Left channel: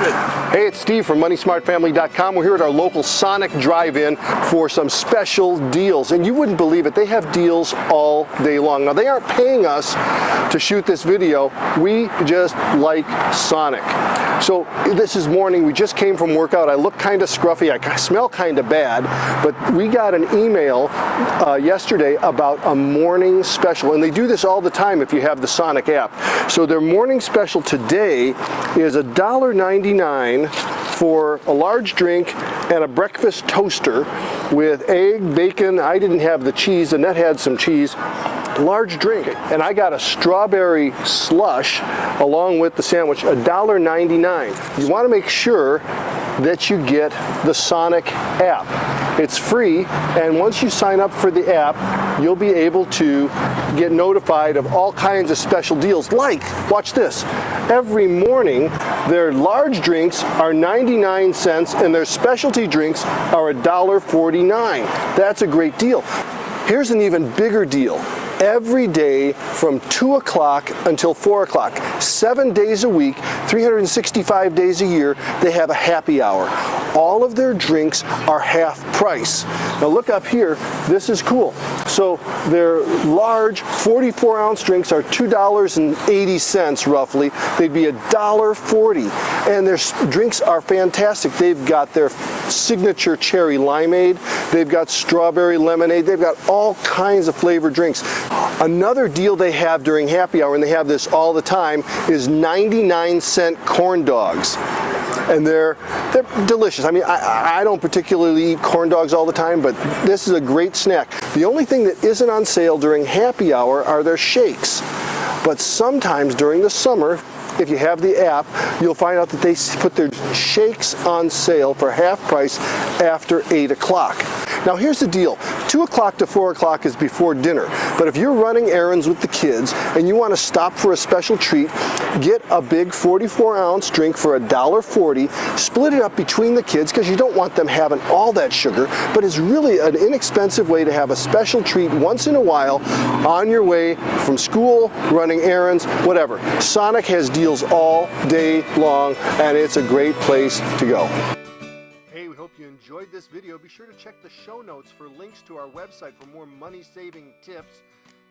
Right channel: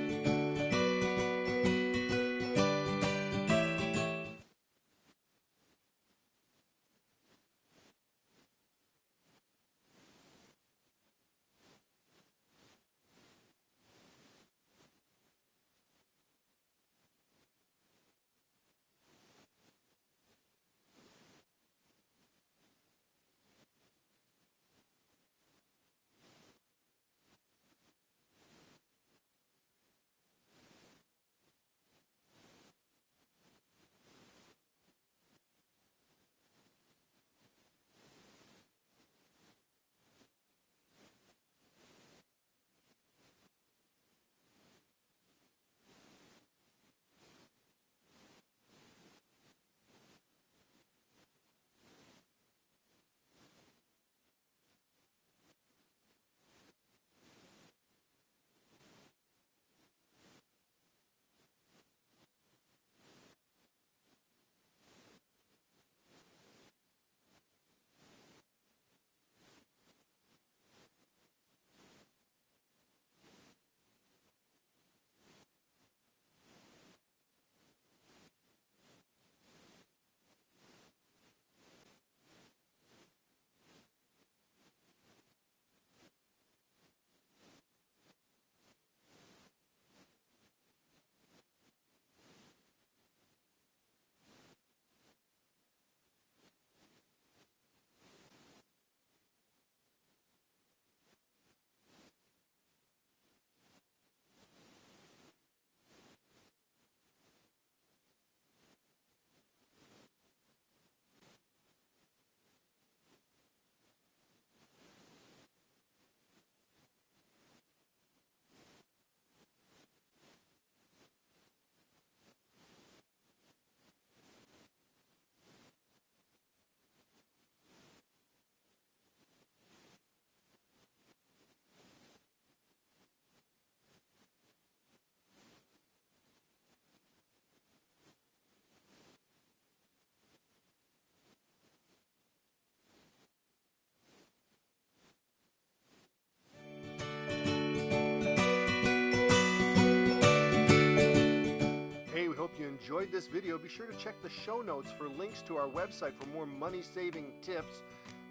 announcement. Hey, it's Steve from MoneySmartFamily.com. We're here at our local Sonic Drive-In for some special deals. And you wouldn't believe it, they have deals all day long. Now, they aren't paying us to shoot this video. We just like Sonic. So this is morning, we just came from workout. I look kind of scruffy, I smell kind of bad, but we got an email yesterday about a morning special, and they do this all the time if you have the Sonic app. So their morning special today is $1.99 for a large drink and a breakfast toaster with egg, bacon. I didn't have the cheese, Annette had some cheese. Large drink, and I got a strawberry slush along with the sandwich, $1.99. You want to make sure that you get the Sonic app. It's free, and once you sign up for the app, you'll be able to get notified of all kinds of special deals, like, watch this, every morning their large drinks are 99 cents and their specialty drinks are $1.49. That's a great deal. Here's an even bigger deal. Every day from 2 o'clock until 4 o'clock, 7 days a week, 365 days a year, they have a happy hour. All of their drinks are half price. Now look up here, this is cool. So their large 44-ounce drinks are $2.80 roughly. They'd be $1.40. And their drinks are fantastic. They've got their signature cherry limeade, they've got strawberry lemonade, they've got all kinds of flavored drinks. Another deal they have during happy hour, and they have this all the time, is 99-cent corn dogs. And they're delicious. I mean, I don't particularly eat corn dogs all the time, but this is a great snack. The only thing that isn't on sale during happy hour are their shakes. But sometimes during the summer, if you have the app, you'll find out that they put their shakes on sale for half price after 8 o'clock. Now here's the deal, 2 o'clock to 4 o'clock is before dinner, but if you're running errands with the kids and you want to stop for a special treat, get a big 44-ounce drink for $1.40, split it up between the kids because you don't want them having all that sugar, but it's really an inexpensive way to have a special treat once in a while on your way from school, running errands, whatever. Sonic has deals all day long, and it's a great place to go. Hey, we hope you enjoyed this video. Be sure to check the show notes for links to our website for more money-saving tips.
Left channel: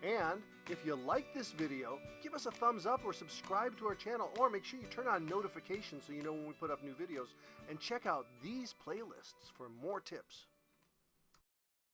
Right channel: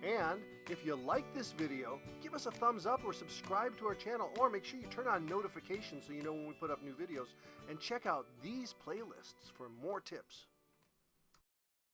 And if you like this video, give us a thumbs up or subscribe to our channel, or make sure you turn on notifications so you know when we put up new videos. And check out these playlists for more tips.